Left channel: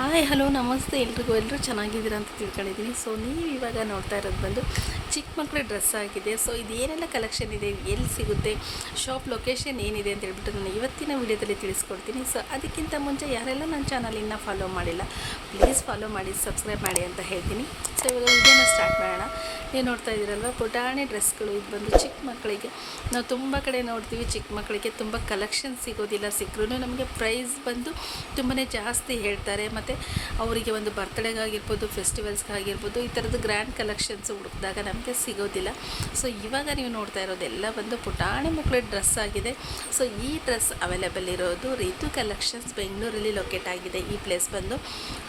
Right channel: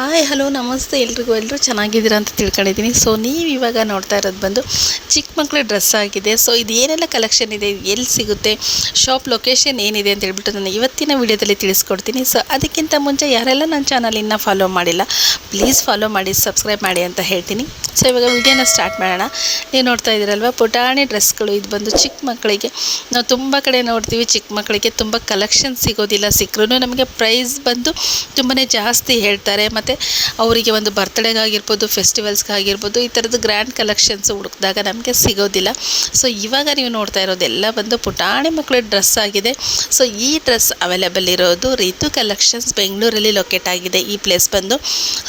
Hi hello ನಮಸ್ತೆ ಎಲ್ಲರೂ ಚೆನ್ನಾಗಿದ್ದೀರಾ ಅಂತ ತಿಳ್ಕೊಂಡಿದ್ದೀನಿ. ಸೊ ನೀವು ಇವಾಗ ನೋಡ್ತಾ ಇರೋದು ಬಂದು ಚಿಕ್ಕ ಮಕ್ಕಳ ಡ್ರೆಸ್ ಆಗಿದೆ. ಸೊ ಇದು ಏನೆಲ್ಲ ಕಲೆಕ್ಷನ್ ಇದೆ, ಎಲ್ಲಿ ಸಿಗುತ್ತೆ, ಶಾಪ್ ಲೊಕೇಶನ್ ಏನಿದೆ ಅಂತ ಹೇಳ್ಬಿಟ್ಟು ನಾನು ಇವತ್ತಿನ ವಿಡಿಯೋದಲ್ಲಿ ತಿಳಿಸ್ಕೊಡ್ತೀನಿ. ಸೊ ಅದಕ್ಕಿಂತ ಮುಂಚೆ ಯಾರೆಲ್ಲ ನನ್ನ ಚಾನಲ್ ಇನ್ನೂ ಫಾಲೋ ಮಾಡಿಲ್ಲ ಪ್ಲೀಸ್ ಫಾಲೋ ಮಾಡಿ, ಸಬ್ಸ್ಕ್ರೈಬ್ ಮಾಡಿ ಅಂತ ಹೇಳ್ತೀನಿ. ಸೊ ಇವಾಗ ವಿಡಿಯೋನ ಸ್ಟಾರ್ಟ್ ಮಾಡೋಣ. ನೀವು ನೋಡ್ತಾ ಇದ್ದೀರಲ್ವ ಪುಟಾಣಿ ಡ್ರೆಸ್ಗಳು. ಇದು ಬಂದು ಚಿಕ್ಕ ಮಕ್ಕಳಿಗೆ ನಾವು ತುಂಬ ಕಡೆ ನೋಡ್ತೀವಿ, ಚಿಕ್ಕ ಮಕ್ಕಳಿಗೆ ತುಂಬ ಕಲೆಕ್ಷನ್ ಸಿಗೋದಿಲ್ಲ. ಸಿಕ್ಕರೂ ನಮಗೆ ಪ್ರೈಸ್ ಬಂದು ತುಂಬಾ ಜಾಸ್ತಿ ಹೇಳ್ತಾರೆ. ಮತ್ತು ಅವರಿಗೆ ಒಂದು ಬರ್ತ್ಡೇಗಾಗಿರ್ಬೋದು, ಫೆಸ್ಟಿವಲ್ಸ್ಗಾಗಿರ್ಬೋದು, ಈ ಥರದ್ದು ಗ್ರ್ಯಾಂಡ್ ಕಲೆಕ್ಷನ್ಸ್ ಹುಡುಕಿದಾಗ ನಮಗೆ ಸಿಗೋದಿಲ್ಲ. ಸೊ ಇವಾಗ ನೀವು ನೋಡ್ತಾ ಇರೋದೆಲ್ಲ ಬಂದು ಪುಟಾಣಿ ಮಕ್ಕಳ ಡ್ರೆಸ್ ಆಗಿದೆ. ಸೊ ಈ ಡ್ರೆಸ್ ಅವೈಲೇಬಲ್ ಇರೋದು ರಿತು ಕಲೆಕ್ಷನ್ಸ್, ಬೆಂಗಳೂರಲ್ಲಿ ಲೊಕೇಟ್ ಆಗಿದೆ ಈ ಪ್ಲೇಸ್ ಬಂದು.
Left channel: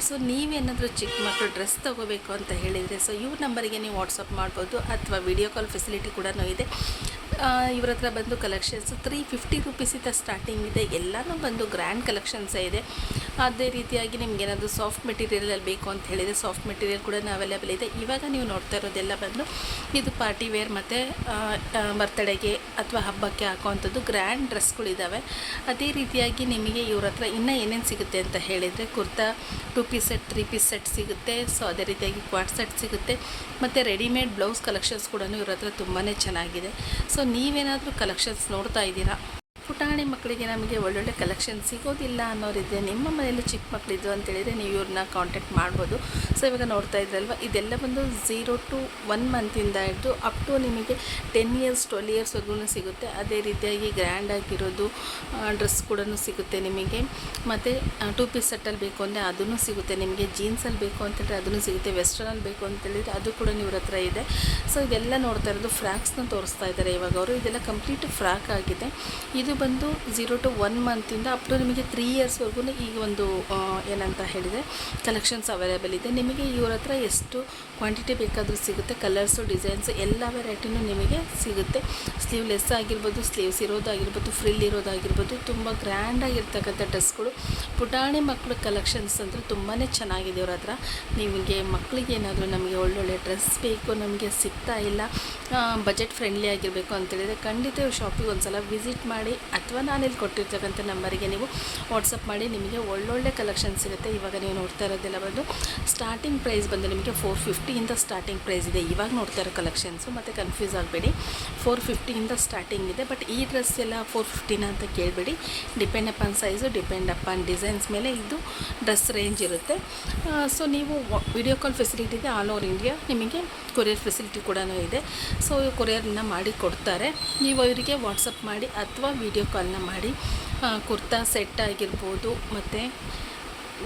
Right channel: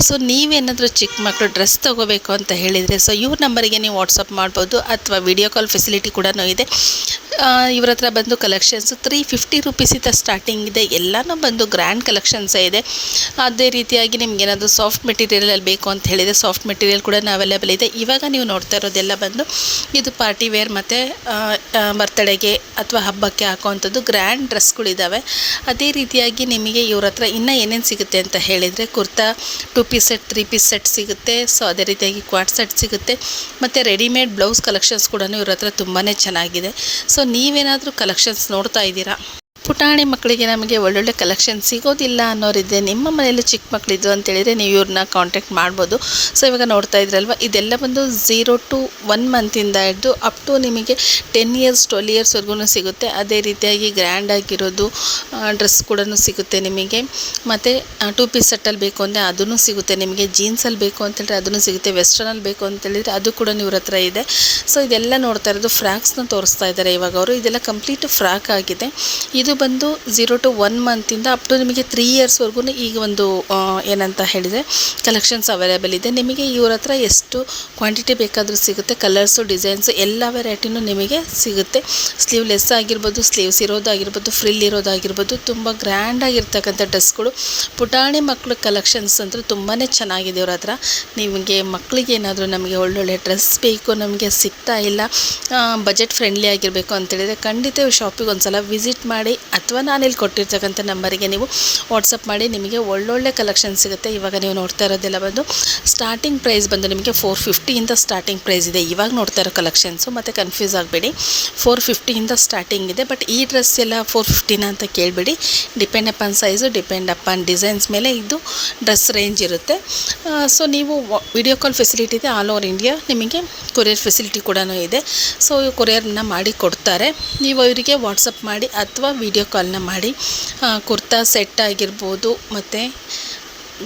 ಸೊ ನೀವೇನಾದರೂ ಚಿಕ್ಕ ಮಕ್ಕಳು ಡ್ರೆಸ್ ತೊಗೋಬೇಕು ಅಂತ ಹೇಳಿದರೆ ಸೊ ಇವ್ರ ನಂಬರಿಗೆ ನೀವು ವಾಟ್ಸಪ್ ಮಾಡ್ಬೋದು, ಅಥವಾ ವಿಡಿಯೋ ಕಾಲ್ ಫೆಸಿಲಿಟಿ ಕೂಡ ಇದೆ. ಇವ್ರ ಹತ್ರ ಬಂದು ಕಲೆಕ್ಷನ್ಸ್ 350 ರೂಪೀಸಿಂದ ಸ್ಟಾರ್ಟಿಂಗ್ ಇದೆ. ಎಲ್ಲನೂ ಬಂದು ಗ್ರ್ಯಾಂಡ್ ಕಲೆಕ್ಷನ್ಸೇ ಇದೆ. ಅದೇ ರೀತಿಯಾಗಿ ನಿಮಗೇನಾದರೂ ಸಾಫ್ಟ್ ಮೆಟೀರಿಯಲಲ್ಲಿ ಬೇಕು ಅಂತ ಹೇಳಿದರೆ ಸಾಫ್ಟ್ ಮೆಟೀರಿಯಲ್ ಕೂಡ ಅವೈಲೇಬಲ್ ಇದೆ. ಇವಾಗ ನೀವು ನೋಡ್ತಾ ಇರೋದೆಲ್ಲ ಬಂದು ಇದು ಪಾರ್ಟಿ ವೇರ್ ಮತ್ತು ಬರ್ತ್ಡೇಗೆ ಅಥವಾ ಹಬ್ಬಕ್ಕೆ ಹಾಕೋವಂಥದ್ದು ಗ್ರ್ಯಾಂಡ್ ಡ್ರೆಸ್ಗಳಿದ್ದಾವೆ. ಅದೇ ರೀತಿಯಾಗಿ ನಿಮಗೆ ಇವ್ರ ಹತ್ರ ಇನ್ನೂ ಏನೇನು ಸಿಗುತ್ತೆ ಅಂತ ಹೇಳಿದರೆ kurta 2 piece set, 3 piece set ಸಿಗುತ್ತೆ. ಸೊ ಅದೇ ರೀತಿಯಾಗಿ ಕ್ವಾಡ್ ಸೆಟ್ ಸಿಗುತ್ತೆ. ಮತ್ತು ರೆಡಿಮೇಡ್ ಬ್ಲೌಸ್ ಕಲೆಕ್ಷನ್ಸ್ ಕೂಡ ಇವ್ರ ಹತ್ರ ತುಂಬಾ ಚೆನ್ನಾಗಿದೆ. ಸೊ ನೀವೇನಾದರೂ ಕಲೆಕ್ಷನ್ಸ್ ನೋಡ್ತಾ ಇದ್ದೀರಾ, ಪುಟಾಣಿ ಮಕ್ಕಳಿಗೆ ನಮಗೆ ಒಳ್ಳೊಳ್ಳೆ ಕಲೆಕ್ಷನ್ ಸಿಗೋದಿಲ್ಲ ಅನ್ನೋರಿದ್ದೆ, ನಿಮ್ಮ ಮನೆಯಲ್ಲಿ ಚಿಕ್ಕ ಮಕ್ಕಳಿದ್ದು ಅಂತೇಳಿದರೆ ನೀವು ಇವ್ರನ್ನ ಕಾಂಟ್ಯಾಕ್ಟ್ ಮಾಡ್ಬೋದು. ಸೊ ಇವಾಗ ನೋಡ್ತಾ ಇದ್ರಲ್ವ ಇದೆಲ್ಲ ಬಂದು 0 to 1 ಮಂತಿಂದ ಹಿಡಿದು ಅಪ್ ಟು ನಿಮಗೆ 10 years 12 yearsವರೆಗೂ ಸಿಗುತ್ತೆ. ಅದೇ ರೀತಿಯಾಗಿ ಗ್ರ್ಯಾಂಡ್ ಆಗಿರೋದು ಡ್ರೆಸ್ ಕೂಡ ಸಿಗುತ್ತೆ ನಿಮಗೆ. ಮತ್ತು 2 ಪೀಸ್ ಸೆಟ್ಟಲ್ಲಿ ಬೇಕು ಅಂದರೆ ಅದೂ ಸಿಗುತ್ತೆ ನಿಮಗೆ. ಜೀನ್ಸಲ್ಲಿ ಬೇಕು ಅಂತೇಳಿದ್ರೆ ಅದೂ ಸಿಗುತ್ತೆ. ವೆಸ್ಟರ್ನಲ್ಲಿ ಬೇಕು ಅಂತೇಳಿದರೆ ಅದು ಕೂಡ ಇವ್ರ ಹತ್ರ ಇದೆ. ಸೊ ಇದೆಲ್ಲ ನೋಡ್ತಾ ಇರೋದು ಫ್ರಾಕ್ಸ್ನ ತೋರಿಸ್ತಾ ಇದ್ದಾರೆ ಇವಾಗ ಅವರು. ಇದೆಲ್ಲ ಕಂಪ್ಲೀಟ್ ಫ್ರಾಕ್ ಆಗಿದೆ. ಇದು ಬಂದು 0 to 1 ಮಂತಿಂದ ಅಪ್ ಟು ನಿಮಗೆ 3 yearsವರೆಗೂ ಈಗ ಒಂದು ಏನಂತ ಹೇಳಿದರೆ ಕಲೆಕ್ಷನ್ಸ್ ಅವೈಲೇಬಲ್ ಇದೆ. ನಿಮಗೆ ಇವ್ರ ಹತ್ರ ಎಷ್ಟು ಕ್ವಾಂಟಿಟಿ ಬೇಕಾದರೂ ಸಿಗುತ್ತೆ. ಕಲರ್ಸು, ಡಿಸೈನ್ಸು ಎಲ್ಲ ವೆರೈಟಿನೂ ನಿಮಗೆ ಸಿಗುತ್ತೆ. ಸ್ಲೀವ್ಲೆಸ್ ಆಗಿರ್ಬೋದು, ಸ್ಲೀವ್ಸ್ ಇರೋದಾಗಿರ್ಬೋದು, ಫ್ರಿಲ್ ಇರೋದಾಗಿರ್ಬೋದು, ತುಂಬ ಗ್ರ್ಯಾಂಡಾಗಿರ್ತಕ್ಕಂಥ ಡ್ರೆಸ್ಗಳು. ಪುಟಾಣಿ ಮಕ್ಕಳು ಕಲೆಕ್ಷನ್ಸ್ ಅಂತೂ ತುಂಬಾ ಚೆನ್ನಾಗಿದೆ ಇವ್ರ ಹತ್ರ. ನಿಮಗೆ ಮಕ್ಕಳಿಗೆ ಏನಾದರೂ ನಮಗೆ ಒಳ್ಳೊಳ್ಳೆ ಡ್ರೆಸ್ ಬೇಕು, ನಮಗೆ ಸಿಗ್ತಾ ಇಲ್ಲ, ಬಜೆಟ್ ಫ್ರೆಂಡ್ಲಿ ಆಗಿರಬೇಕು ಅಂತೇಳಿದರೆ ಖಂಡಿತ ಶಾಪಿಗೆ ಒಂದು ಸಲ ವಿಸಿಟ್ ಮಾಡಿ, ಅಥವಾ ನಾನಿಲ್ಲಿ ಕೊಟ್ಟಿರ್ತಕ್ಕಂಥ ನಂಬರಿಗೆ ನೀವು ವಾಟ್ಸಪ್ ಮಾಡಿ. ನಿಮಗೆ ಒಳ್ಳೊಳ್ಳೆ ಕಲೆಕ್ಷನ್ ಸಿಗುತ್ತೆ. ಇವಾಗ ನೀವು ನೋಡ್ತಾ ಇರೋದೆಲ್ಲ ಬಂದು ಸ್ಟಾರ್ಟಿಂಗ್ ಪ್ರೈಸ್ ಬಂದು ನಿಮಗೆ 450ಇಂದ ಸ್ಟಾರ್ಟಿಂಗ್ ಪ್ರೈಸ್ ಇದೆ ಇವಾಗ ನೋಡ್ತಾ ಇರೋ ಕಲೆಕ್ಷನ್ಸು. ಮತ್ತು ಕನ್ಫ್ಯೂಸ್ ಆಗಬೇಡಿ, 450ಇಂದ ಸ್ಟಾರ್ಟಿಂಗ್ ಇದೆ. ಬಟ್ ಈ ಡ್ರೆಸ್ ಎಲ್ಲ 450 ಅಂತ ಕೇಳಬೇಡಿ. Depend upon size, depend upon designs ಮೇಲೆ ಇದು ಡ್ರೆಸ್ ರೇಂಜ್ ಇರುತ್ತೆ. ಸೊ ನೀವು ವಿಡಿಯೋ ಕಾಲ್ ಫೆಸಿಲಿಟಿ ಇದೆ ಆಲ್ ಓವರ್ ಇಂಡಿಯಾ. ನಿಮಗೆ ಕೊರಿಯರ್ ಫೆಸಿಲಿಟಿ ಕೂಡ ಇದೆ. ಸೊ ಕೊರಿಯರ್ನ ಮಾಡಿ ಕೊಡ್ತಾರೆ. ನೀವು ಅವರಿಗೆ ವಾಟ್ಸಪ್ ಮಾಡಿ ಅಥವಾ ವಿಡಿಯೋ ಕಾಲ್ನ ಮಾಡಿ ಕುರ್ತಾ ಸೆಟ್ ಆಗಿರ್ಬೋದು, ಮತ್ತು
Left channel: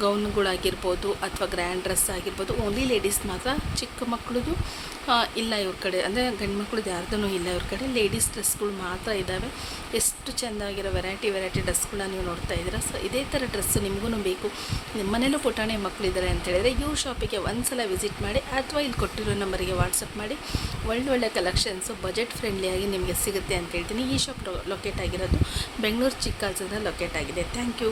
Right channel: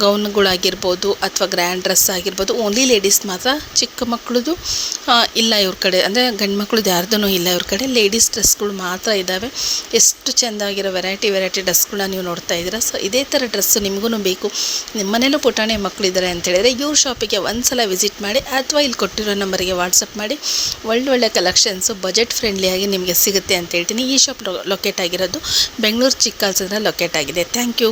ಗೌನ್ಗಳಾಗಿರ್ಬೋದು, ಅಥವಾ ಗ್ರ್ಯಾಂಡ್ ಡ್ರೆಸ್ ಆಗಿರ್ಬೋದು. ಓನ್ಲಿ ಲೇಡೀಸ್ ಮಾತ್ರ, ಚಿಕ್ಕ ಮಕ್ಕಳದು ಇಲ್ಲ ಇವ್ರ ಕಡೆ, ಅಂದರೆ ಗಂಡು ಮಕ್ಕಳದ್ದು ಯಾರ್ದೂ ಇಲ್ಲ ಇವ್ರ ಕಡೆ. ಲೇಡೀಸ್ ಡ್ರೆಸ್ಗಳು ಮಾತ್ರ ಇದ್ದಾವೆ. ಎಷ್ಟು ಚೆಂದಾಗಿರೋ ವೆರೈಟಿ ಡ್ರೆಸ್ಗಳನ್ನ ನೀವು ನೋಡ್ತಾ ಇದ್ದೀರಾ. ಸೊ ಇದೇ ಥರ ಡ್ರೆಸ್ಸು ನಿಮಗೂ ಬೇಕು, ನಿಮ್ಮ ಮನೇಲೂ ಪುಟಾಣಿ ಮಕ್ಕಳಿದ್ದಾರೆ ಅಂತೇಳಿದರೆ ಇವ್ರ ಶಾಪಿಗೆ ಒಂದು ಸಲ ವಿಸಿಟ್ ಮಾಡಿ, ಅಥವಾ ಇಲ್ಲಿ ಕೊಟ್ಟಿರೋ ನಂಬರಿಗೆ ವಾಟ್ಸಪ್ ಮಾಡಿ. ಒಳ್ಳೊಳ್ಳೆ ಕಲೆಕ್ಷನ್ಸು ಬಜೆಟ್ ಫ್ರೆಂಡ್ಲಿಯಾಗಿ ನಿಮಗೆ ಸಿಗುತ್ತೆ ಅಂತ ಹೇಳ್ತೀನಿ. ಈ ಶಾಪ್ ಲೊಕೇಟ್ ಆಗಿರೋದು ಬೆಂಗಳೂರು ಚಿಕ್ಕಾಲ್ಸಂದ್ರ ಲೊಕೇಟ್ ಆಗಿದೆ. Thank you.